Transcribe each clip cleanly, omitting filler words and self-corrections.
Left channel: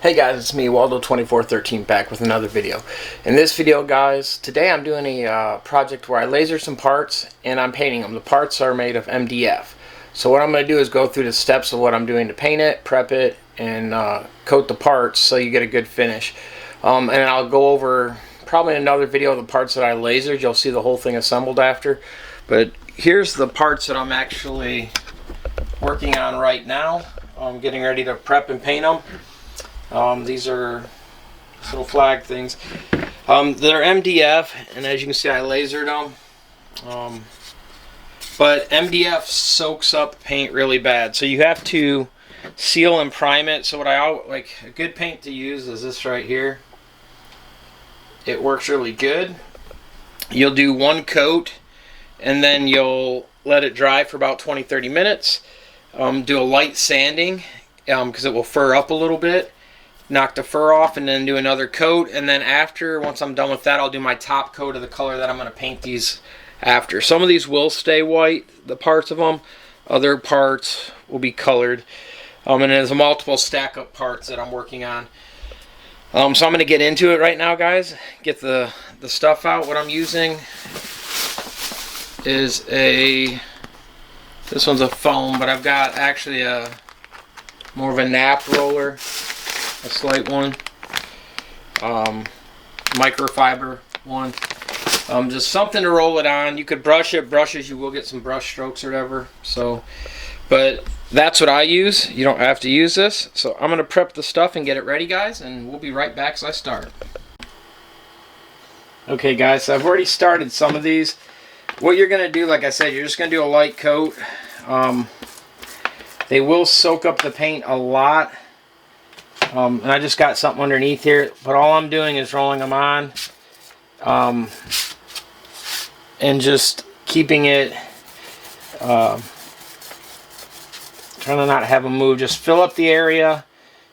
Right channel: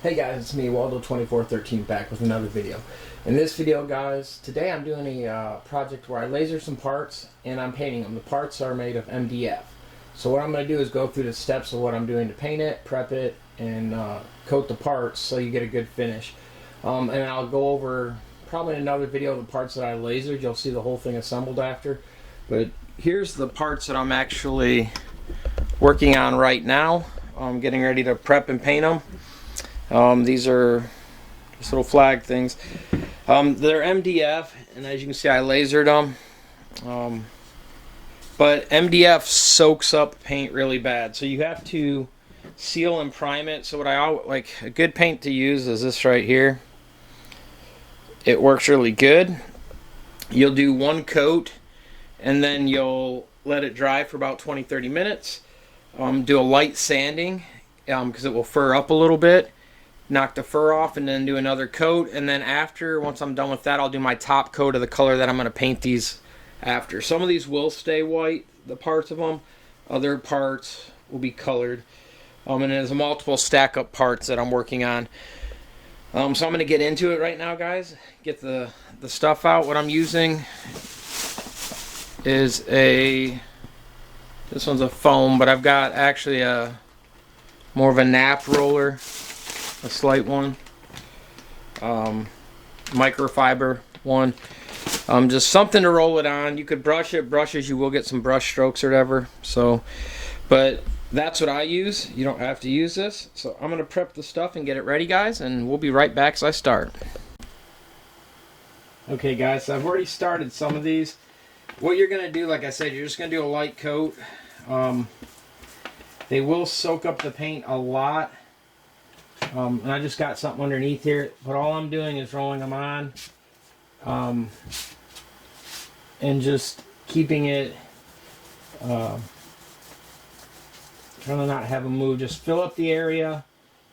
Hey guys, it's me, Waldo2413, back with another video. In this video, guys, today I'm doing a project where I laser some parts and I'm painting them. The parts are made of MDF. So what I'm going to do is go through the steps of what I'm doing to paint it, prep it, and coat the parts so you get a good finish. And I'll go over probably in another video of the parts that I lasered. You'll see the whole thing assembled after. But here's the parts that I'm actually working on right now. I'm getting ready to prep and paint them. These are just little flag things. They're MDF, and as you can see, I lasered them. But MDF soaks up paint really bad, so you have to seal and prime it. So what I like, a good paint to use is this right here. It works really good. You'll do one coat, and then you'll let it dry for about 20-30 minutes. Do a light sanding because it will fur up a little bit. Knock the fur off and then do another coat, and then after, once I'm done with that, I'll do my top coat of the color that I'm going to paint these after. Some of these will stay white, the parts of them. Other parts will be colored. And there's multiple stack up parts that I'm working on. So I'm going to get into it right now, guys. Get the stuff out. What I'm using is this one's a foam, but I've got actually more of a nap roller. A slight one, microfiber one, just something to roll it on. You could brush it. Brushes, you will get some brush strokes or whatever. So, but that's what I use. You don't have to use this. So I'm gonna prep the stuff and get it ready, guys, and we'll be right back as I start. Okay, guys, so I've already started some of these. What you're gonna do, like I said, you're just gonna do a light coat. They will soak up the paint a lot. And I just got something underneath here, but all I'm doing is rolling them on, and just keeping it, trying to not have them move. Just fill up the area.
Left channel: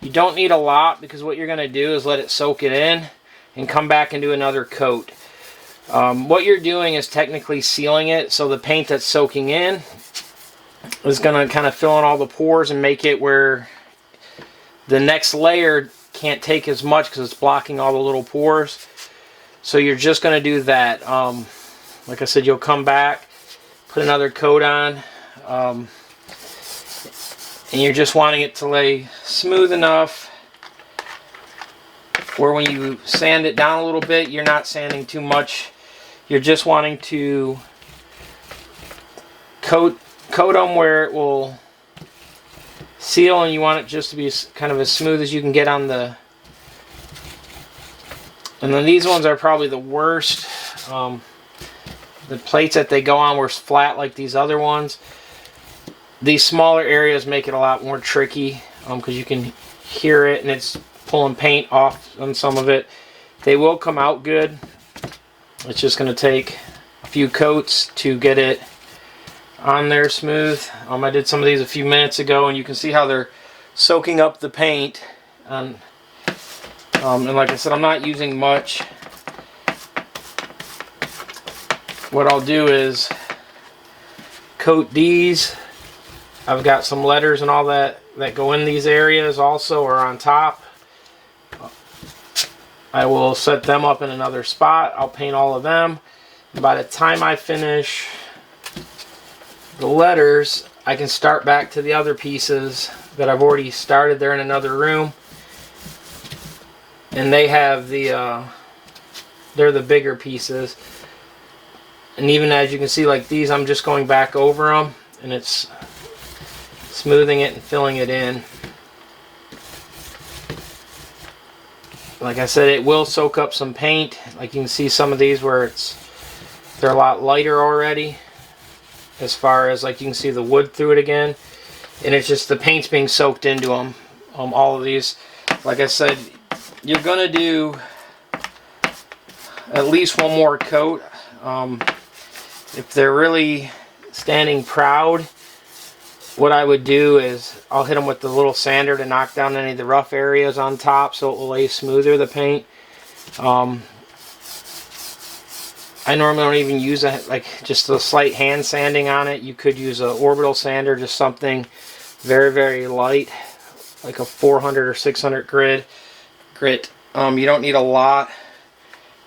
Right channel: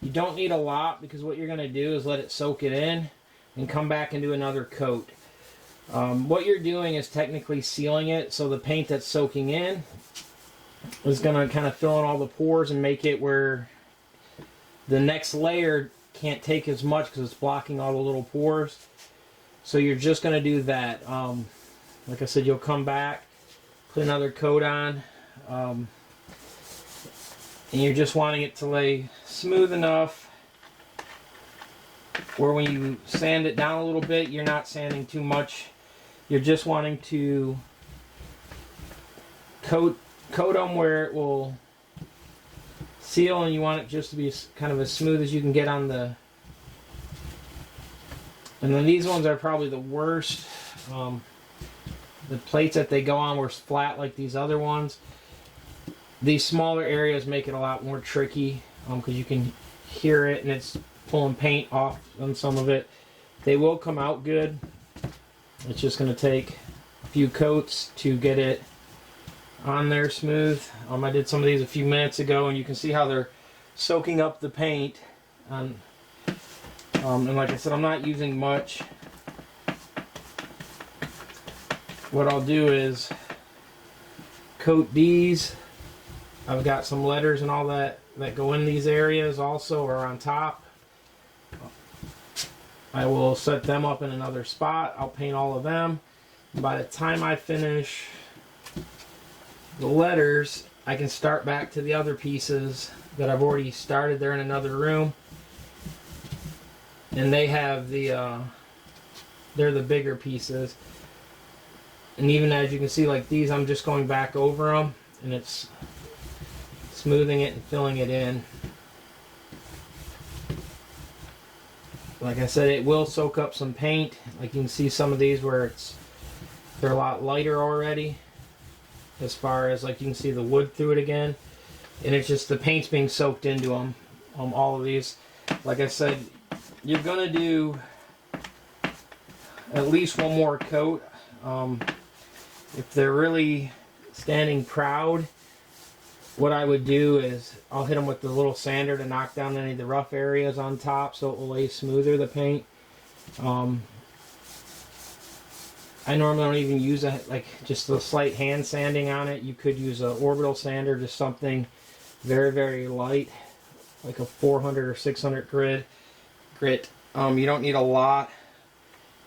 You don't need a lot, because what you're going to do is let it soak it in and come back and do another coat. What you're doing is technically sealing it, so the paint that's soaking in is going to kind of fill in all the pores and make it where the next layer can't take as much because it's blocking all the little pores. So you're just going to do that. Like I said, you'll come back, put another coat on, and you're just wanting it to lay smooth enough where when you sand it down a little bit, you're not sanding too much. You're just wanting to coat them where it will seal, and you want it just to be kind of as smooth as you can get on the. And then these ones are probably the worst. The plates that they go on were flat like these other ones. These smaller areas make it a lot more tricky because you can hear it and it's pulling paint off on some of it. They will come out good. It's just going to take a few coats to get it on there smooth. I did some of these a few minutes ago, and you can see how they're soaking up the paint. And like I said, I'm not using much. What I'll do is coat these. I've got some letters and all that go in these areas also, or on top. I will set them up in another spot. I'll paint all of them. By the time I finish the letters, I can start back to the other pieces that I've already started. They're in another room, and they have they're the bigger pieces. And even as you can see, like these, I'm just going back over them, and it's smoothing it and filling it in. Like I said, it will soak up some paint. Like you can see some of these where they're a lot lighter already. As far as, like, you can see the wood through it again, and it's just the paint's being soaked into them. All of these, like I said, you're gonna do at least one more coat. If they're really standing proud, what I would do is I'll hit them with the little sander to knock down any of the rough areas on top, so it will lay smoother, the paint. I normally don't even use just a slight hand sanding on it. You could use an orbital sander, just something very, very light. like a 400 or 600 grit. You don't need a lot,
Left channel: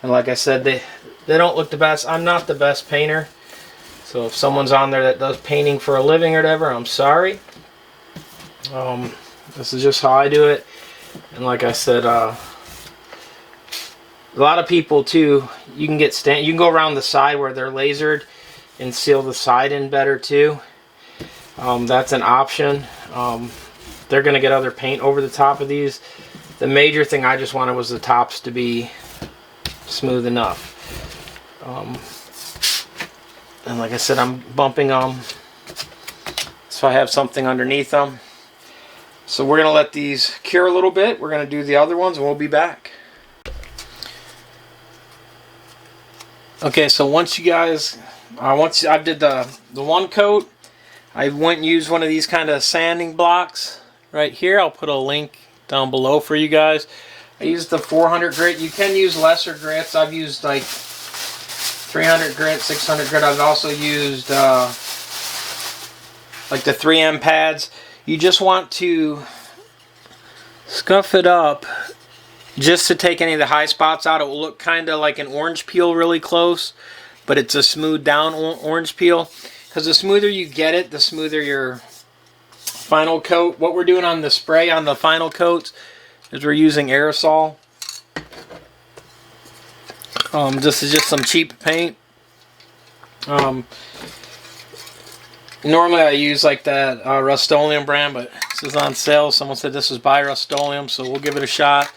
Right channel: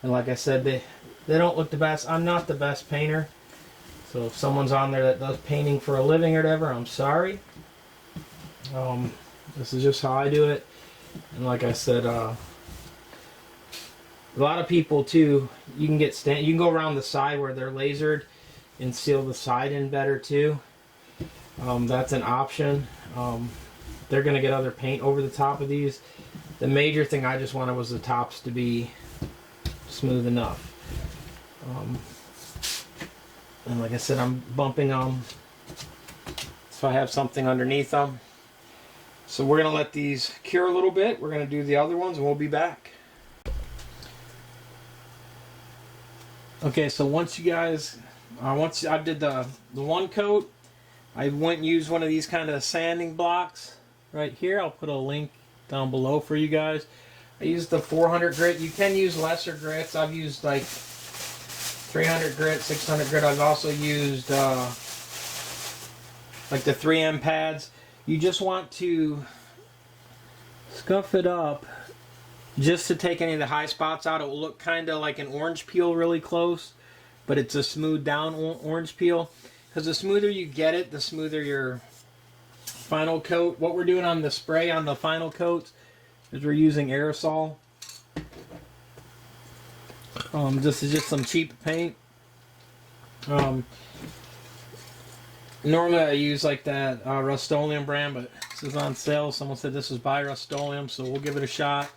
and like I said, they don't look the best. I'm not the best painter, so if someone's on there that does painting for a living or whatever, I'm sorry. This is just how I do it, and like I said, a lot of people too, you can go around the side where they're lasered and seal the side in better too. That's an option. They're going to get other paint over the top of these. The major thing I just wanted was the tops to be smooth enough. And like I said, I'm bumping them so I have something underneath them. So we're going to let these cure a little bit. We're going to do the other ones and we'll be back. Okay, so once I did the one coat, I went and used one of these kind of sanding blocks right here. I'll put a link down below for you guys. I used the 400 grit. You can use lesser grits. I've used like 300 grit, 600 grit. I've also used like the 3M pads. You just want to scuff it up just to take any of the high spots out. It will look kind of like an orange peel really close, but it's a smooth down orange peel. Because the smoother you get it, the smoother your final coat. What we're doing on the spray on the final coats is we're using aerosol. This is just some cheap paint. Normally I use like that Rust-Oleum brand, but this is on sale. Someone said this was by Rust-Oleum, so we'll give it a shot.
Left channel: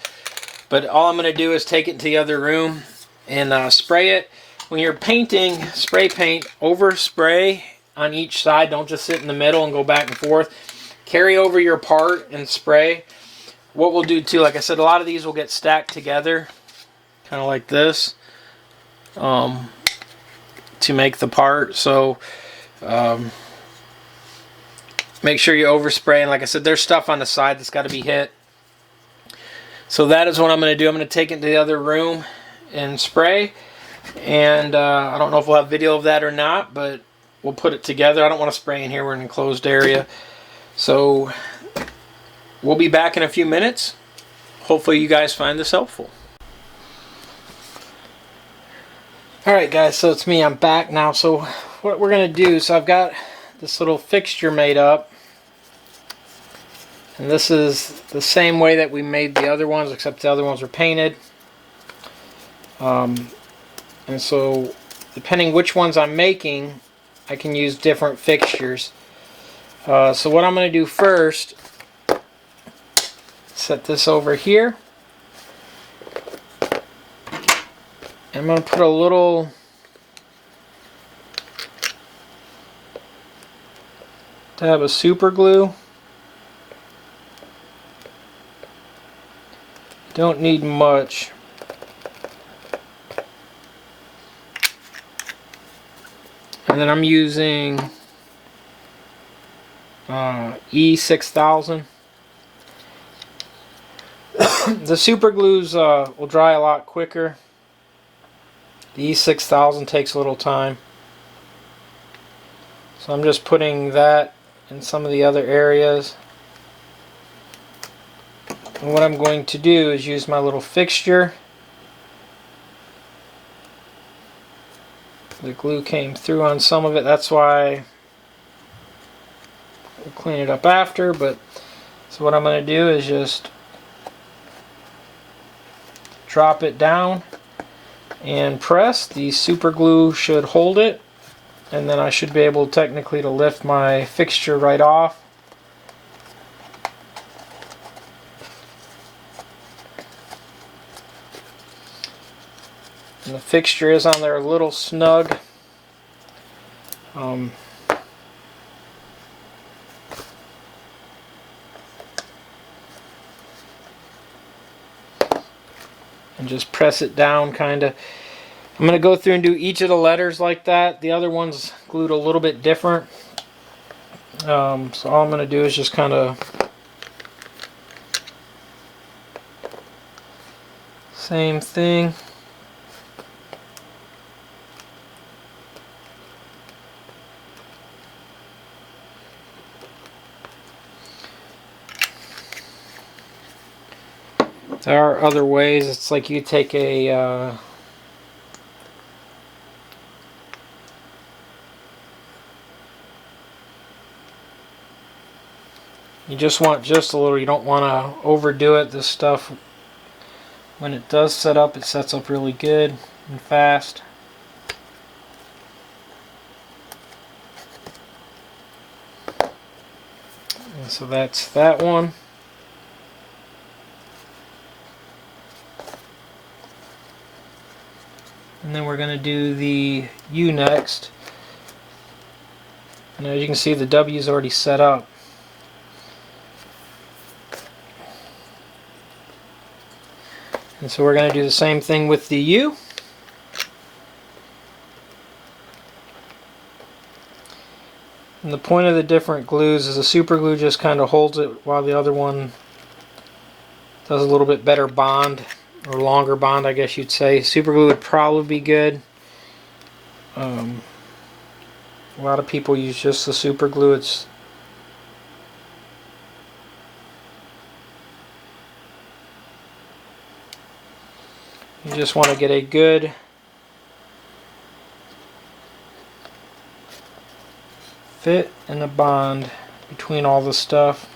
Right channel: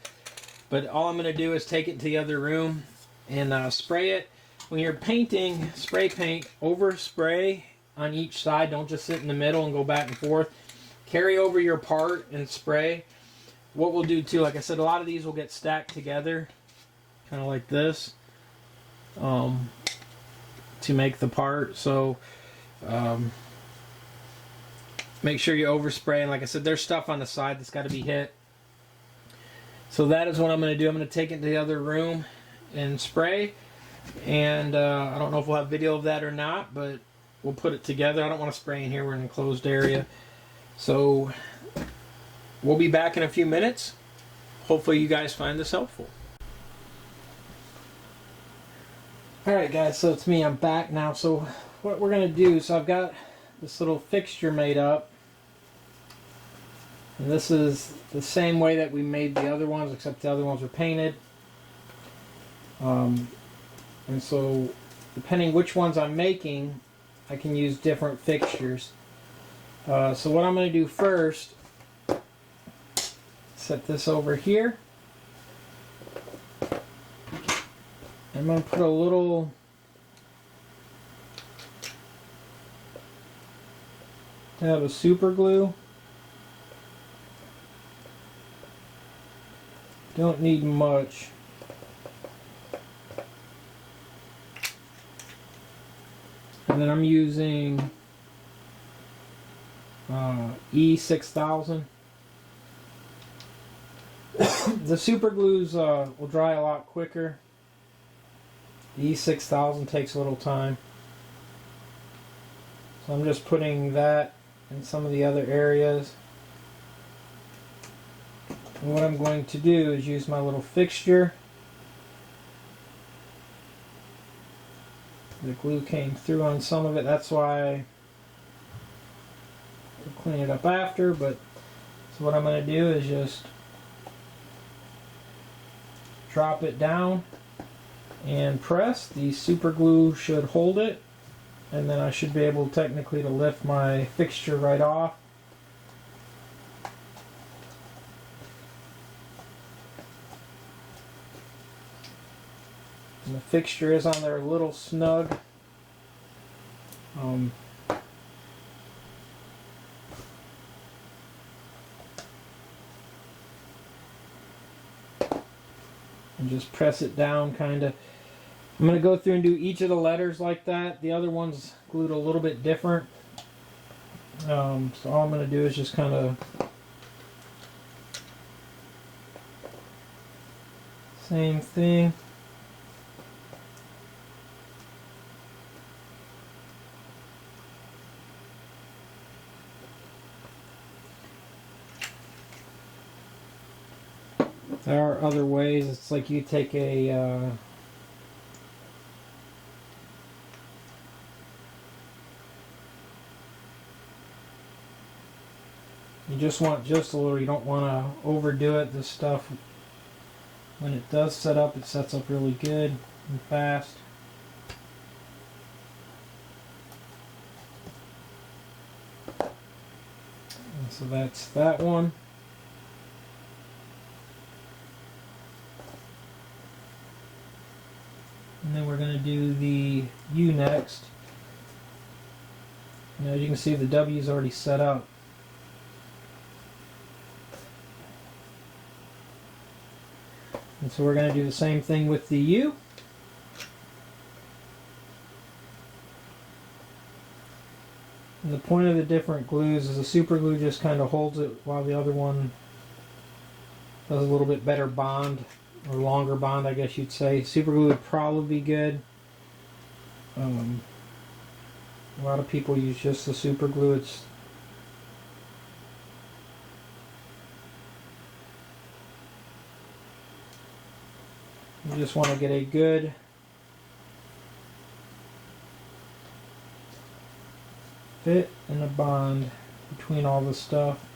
But all I'm going to do is take it to the other room and spray it. When you're painting, spray paint, overspray on each side. Don't just sit in the middle and go back and forth. Carry over your part and spray. What we'll do too, like I said, a lot of these will get stacked together, kind of like this, to make the part. So make sure you overspray. And like I said, there's stuff on the side that's got to be hit. So that is what I'm going to do. I'm going to take it to the other room and spray. And I don't know if we'll have video of that or not, but we'll put it together. I don't want to spray in here. We're in an enclosed area. So we'll be back in a few minutes. Hopefully you guys find this helpful. Alright guys, so it's me. I'm back now. So what we're going to do, so I've got this little fixture made up. And this is the same way that we made the other ones, except the other ones were painted. And so, depending which ones I'm making, I can use different fixtures. So what I'm going to do first, set this over here. I'm going to put a little dab of super glue. Don't need much. And then I'm using E6000. The super glues will dry a lot quicker. The E6000 takes a little time. So I'm just putting that in some of the other areas. And what I'm going to do is use my little fixture. The glue came through on some of it, that's why we'll clean it up after. But so what I'm going to do is just drop it down and press. The super glue should hold it, and then I should be able technically to lift my fixture right off. And the fixture is on there a little snug. And just press it down kind of. I'm going to go through and do each of the letters like that. The other one's glued a little bit different. So all I'm going to do is just kind of same thing. There are other ways. It's like you take a you just want just a little. You don't want to overdo it. This stuff, when it does set up, it sets up really good and fast. And so that's that one. And then we're going to do the U next. And as you can see, the W is already set up. And so we're going to do the same thing with the U. And the point of the different glues is the super glue just kind of holds it while the other one does a little bit better bond, or longer bond, I guess you'd say. Super glue would probably be good. A lot of people use just the super glue. You just want to get a good fit and a bond between all the stuff.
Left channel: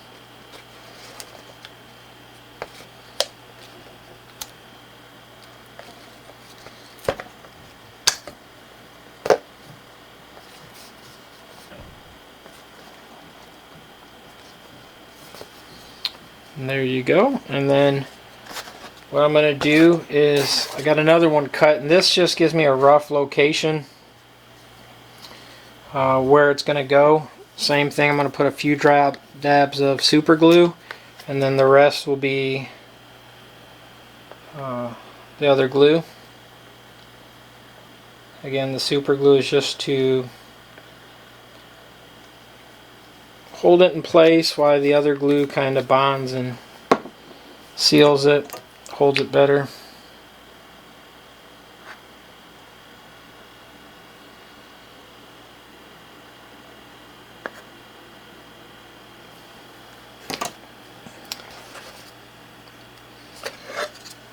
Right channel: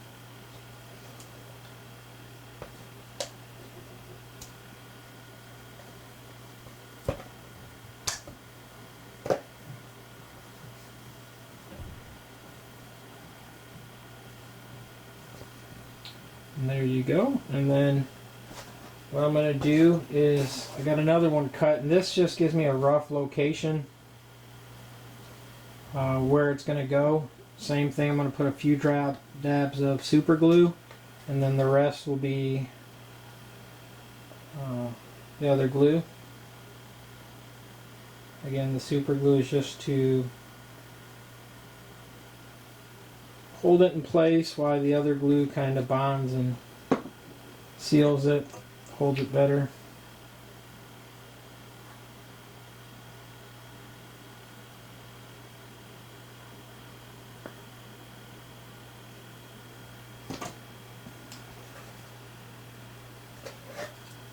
And there you go. And then what I'm going to do is, I got another one cut, and this just gives me a rough location where it's going to go. Same thing, I'm going to put a few dabs of super glue, and then the rest will be the other glue. Again, the super glue is just to hold it in place while the other glue kind of bonds and seals it, holds it better.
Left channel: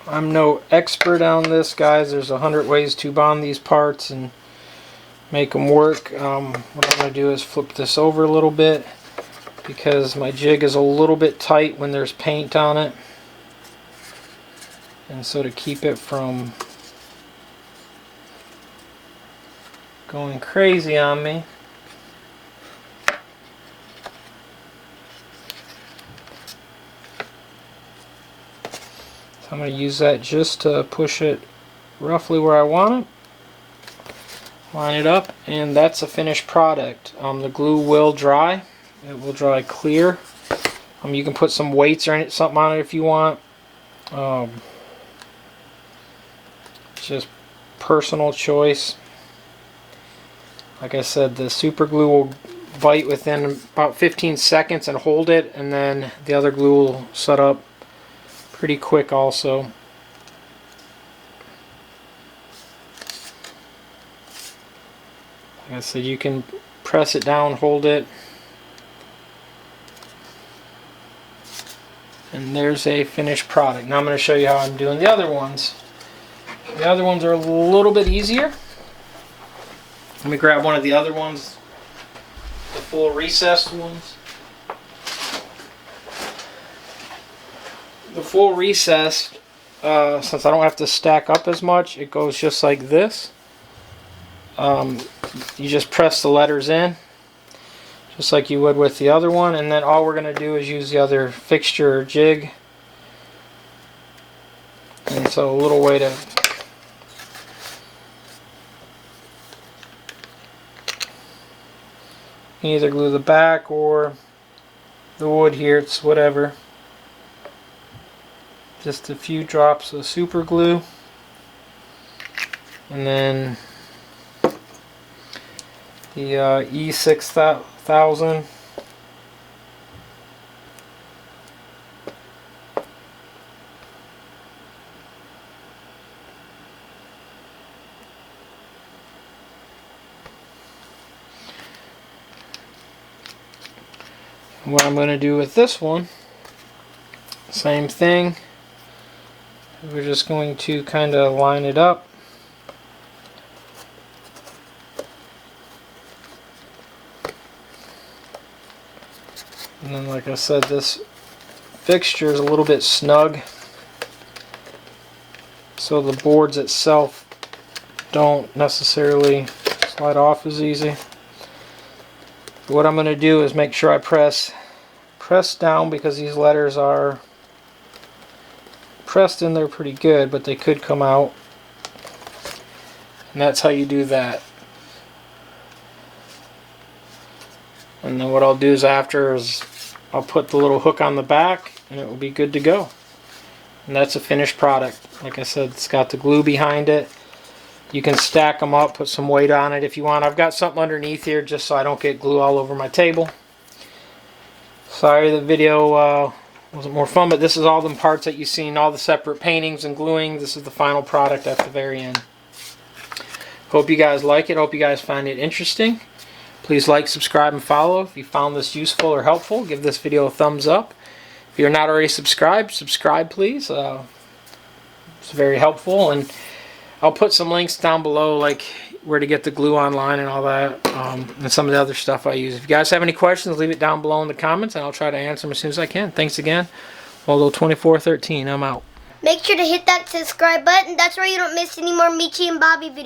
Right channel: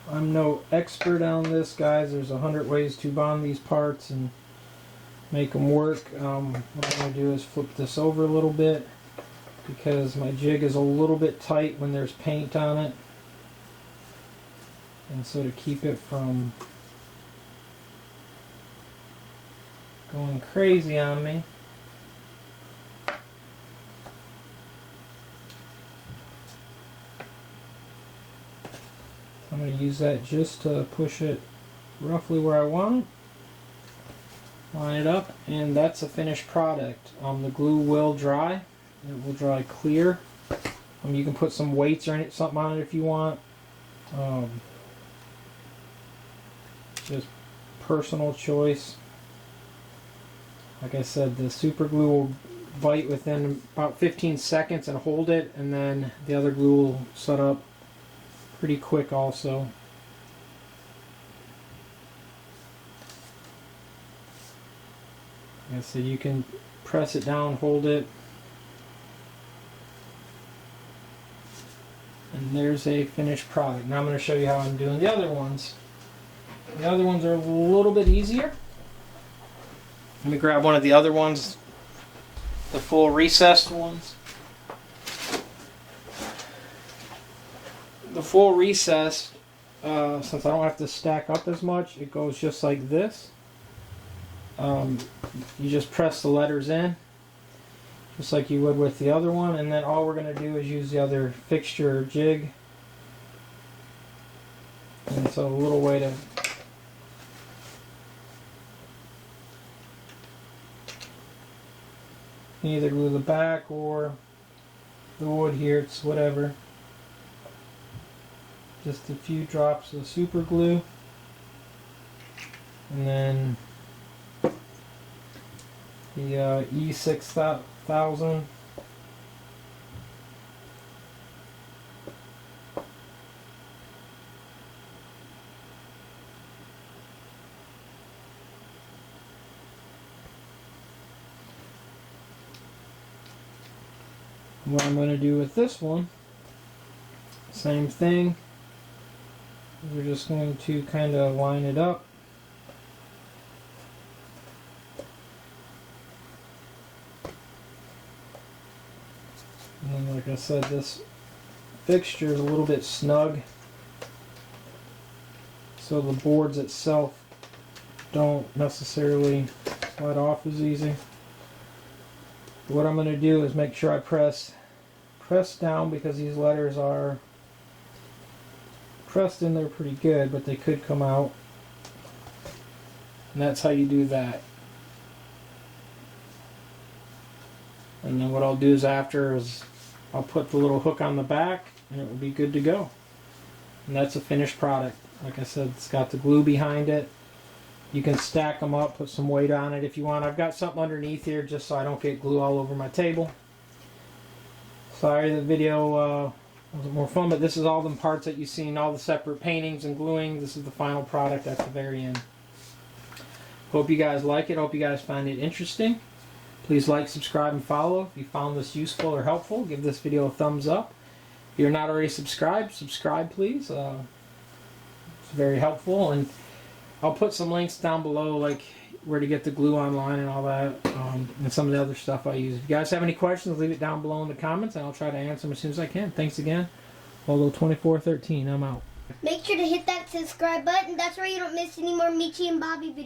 I'm no expert on this, guys. There's 100 ways to bond these parts and make them work. What I'm going to do is flip this over a little bit because my jig is a little bit tight when there's paint on it. And so to keep it from going crazy on me, I'm going to use that just to push it roughly where I want it. Line it up, and that's a finished product. The glue will dry. It will dry clear. You can put some weights or something on it if you want. It's just personal choice. Like I said, the super glue will bite within about 15 seconds and hold it, and then the other glue will set up pretty quick also. Like I said, you can press it down, hold it, and there's a finished product. Now I'm going to show you how I'm doing the other ones. The other ones are a little bit easier. Let me grab one of the other ones, the full recessed ones. The full recessed, since I don't have to stack up as much, it goes just like this. You just press the letters in, just like you would with the other one, and then all we're going to do is use the other fixture or jig. And so a little way to either glue the back or the wood here, it's whatever. Just a few drops of super glue, and then the E6000. What I'm going to do with this one, same thing. We're just going to kind of line it up. And then, like I said, this fixture is a little bit snug, so the boards itself don't necessarily slide off as easy. What I'm going to do is make sure I press down, because these letters are pressed in there pretty good, but they could come out. And that's how you do that. And then what I'll do is after is I'll put the little hook on the back and it will be good to go. And that's a finished product. Like I said, it's got the glue behind it. You can stack them up, put some weight on it if you want. I've got something underneath here just so I don't get glue all over my table. Sorry the video wasn't more fun, but this is all the parts that you've seen, all the separate paintings and gluing. This is the final product at the very end. Hope you guys like it. Hope you guys find it interesting. Please like, subscribe, and follow. If you found this useful or helpful, give this video a thumbs up. If you're not already subscribed, subscribe please. It's very helpful, and I'll put some links down below, like where to get the glue online and all that, and some of the other stuff I use. If you guys have any questions, leave it down below in the comments, and I'll try to answer them as soon as I can. Thanks again. ROLLO2413, I'm out. Make sure to hit that subscribe button. That's where you don't miss any more Michi and Bobby videos.